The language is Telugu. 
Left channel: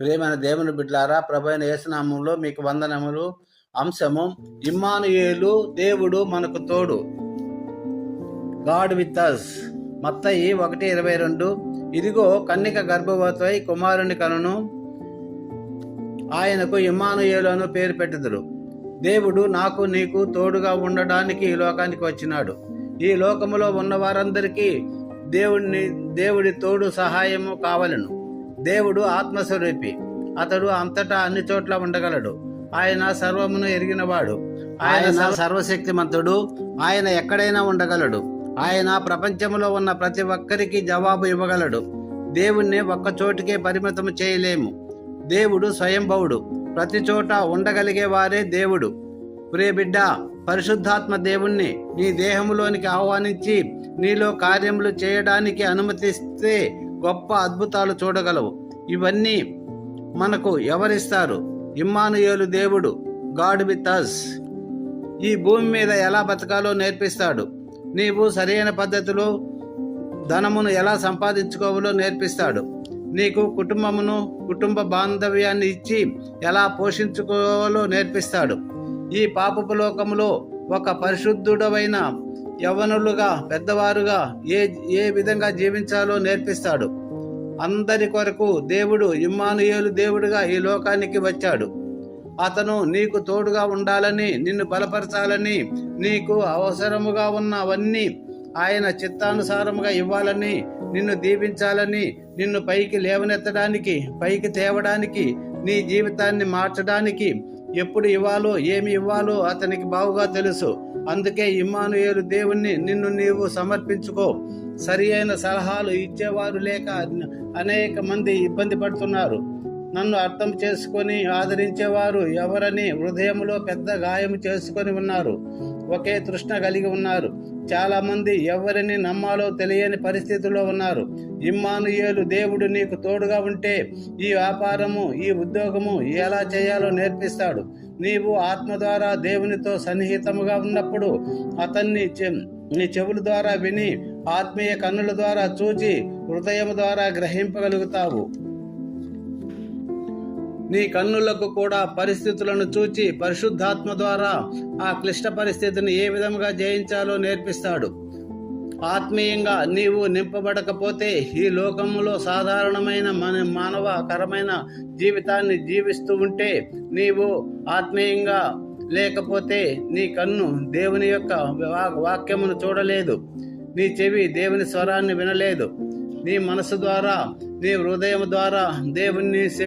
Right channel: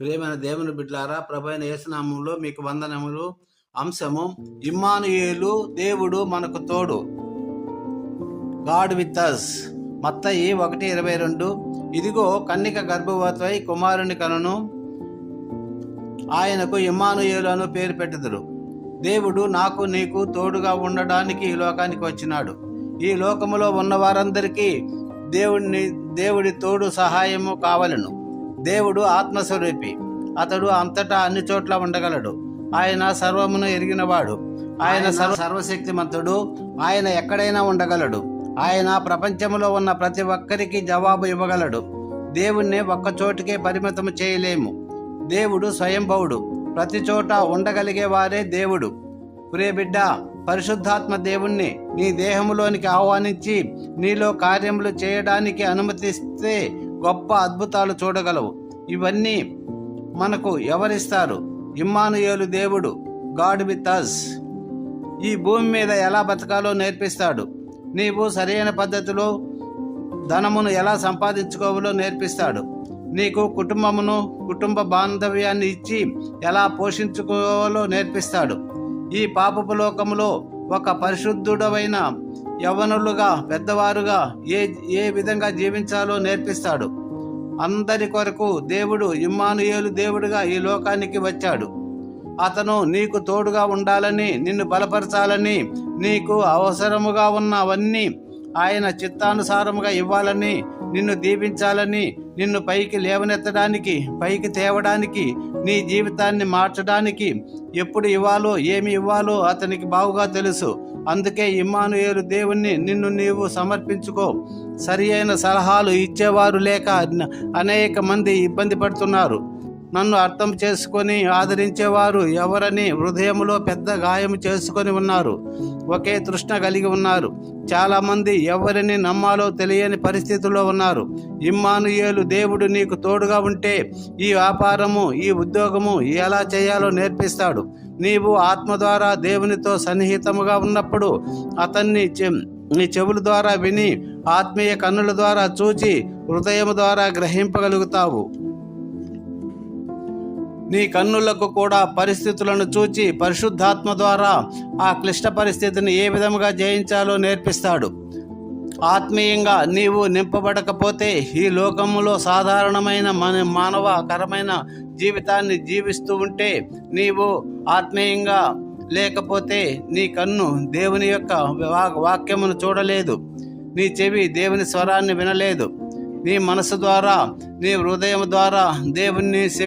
ప్రియమైన దేవుని బిడ్డలారా, ప్రభువైన యేసు నామములో మీకు వందనములు. అంశము ఇమ్మానుయేలు, దేవుడు మనకు తోడు. God with us. మత్తయి 1:22. ఇదిగో కన్నిక గర్భవతివై కుమారుని కనును, ఆయనకు ఇమ్మానుయేలు అను పేరు పెట్టుదురు. దేవుడు నాకు నీకు తోడుగా ఉండడానికి ఈ లోకానికి వచ్చినాడు. ఈ లోకములో ఉన్న వారందరికీ దేవుడి తోడు సహాయము కావలను. దేవుడు ఆత్మస్వరూపి. అతడు అంతటా అన్ని చోట్ల ఉండగలడు. ఆయన సర్వమును ఎరిగినవాడు. ఆయన సర్వశక్తిమంతుడు. ఆయన ఎక్కడైనా ఉండగలడు. ఆయన ప్రపంచంలో ఉన్న ప్రతి ఒక్కరికి జవాబు ఇవ్వగలడు. దేవుణ్ణి ఒక్క చోటికే పరిమితం చేయలేము. దేవుడు స్వయంభవుడు. ప్రతి చోట ఉండగలిగే వారే దేవుడు. ప్రియ బిడ్డ, పరిశుద్ధాత్మ దేవుణ్ణి నీ దేహంలోనికి ఆహ్వానించి నీలో కార్యములు చేయడానికి అనుమతిస్తే గొప్ప అద్భుతాలు చూడగలవు. ఇవన్నీ మనకు ఎవరిస్తారు? ఇమ్మానుయేలు, దేవుడు, గాడ్ విత్ అస్. ఈ భూమి మీద ఎలా బతకాలో నేర్పిస్తాడు. నీవు సరైన పద్ధతిలో ధనమును ఎలా సంపాదించుకోవాలో నేర్పిస్తాడు. నీకు కుటుంబ బాంధవ్యాన్ని ఇచ్చి ఎలా పోషించుకోవాలో నేర్పిస్తాడు. ఈ పాపపు లోకములో ఒక పరిశుద్ధుడమైన యవ్వనులుగా, పెద్దవారుగా ఏ విధంగా జీవించాలో నేర్పిస్తాడు. అందరి కొరకు దేవుడు ఇమ్మానుయేలు దేవుడుగా ఈ లోకానికి వచ్చాడు. అతను నీకు తోడుగా ఉండాలని, నిన్ను బలపరచాలని, నీకు అవసరముగా ఉన్నవన్నీ ఆయన చిత్తానుసారముగా ఇవ్వాలని, నిన్ను దీవించాలని, నిన్ను పైకి లేవనెత్తడానికి, పైకి తేవడానికి, నీ జీవితాన్ని మార్చడానికి ఎప్పుడు ఇవ్వాలో, ఏమి ఇవ్వాలో అతనికి బాగుగా తెలుసు. అందుకే ఇమ్మానుయేలు దేవుణ్ణి నిన్ను నీవు సమర్పించుకో. సరి అయిన సలహాలు ఇచ్చేవారు లేక అనేక మంది ఇబ్బంది పడుతున్నారు. నన్ను అర్థం చేసుకొని ఆదరించేవారు ఎవరని హృదయంలో పెద్ద గాయం చేసుకొని ఉన్నారు. ఒకే తృష్ణ కలిగి ఉన్నారు. చాలా మంది ఎవరిని నమ్మాలో తెలియని పరిస్థితుల్లో ఉన్నారు. ఇమ్మానుయేలు దేవుడు నీకు తోడుగా ఉంటే ఈ వ్యాపారము, ఈ ఉద్యోగము ఎలా చేయాలో నేర్పిస్తాడు. నీవు ఆత్మ ద్వారా దేవునితో సన్నిహితముగా ఉన్నప్పుడు అతన్ని నీ చెవుల ద్వారా విని, ఆత్మీయ కన్నుల ద్వారా చూచి, హృదయం ద్వారా గ్రహింపగలుగుతావు. నీ కన్నులకు కూడా పరిస్థితులను చూచి పరిశుద్ధాత్మ ద్వారా ఆ క్లిష్ట పరిస్థితిని ఏ విధముగా జయించాలో నేర్పిస్తాడు. ఆత్మీయంగా నీవు నింపబడకపోతే ఈ లోకములో సాధారణమైన మానవకరమైన జీవితాన్ని జీవిస్తూ ఉంటే, నీవు ఆత్మీయంగా లేకపోతే నీ కన్ను దేవుని యొక్క వాక్యమును చూడలేదు, నీ చెవి దేవుని స్వరాన్ని వినలేదు, నీ మనసు ద్వారా, నీ హృదయం ద్వారా దేవుణ్ణి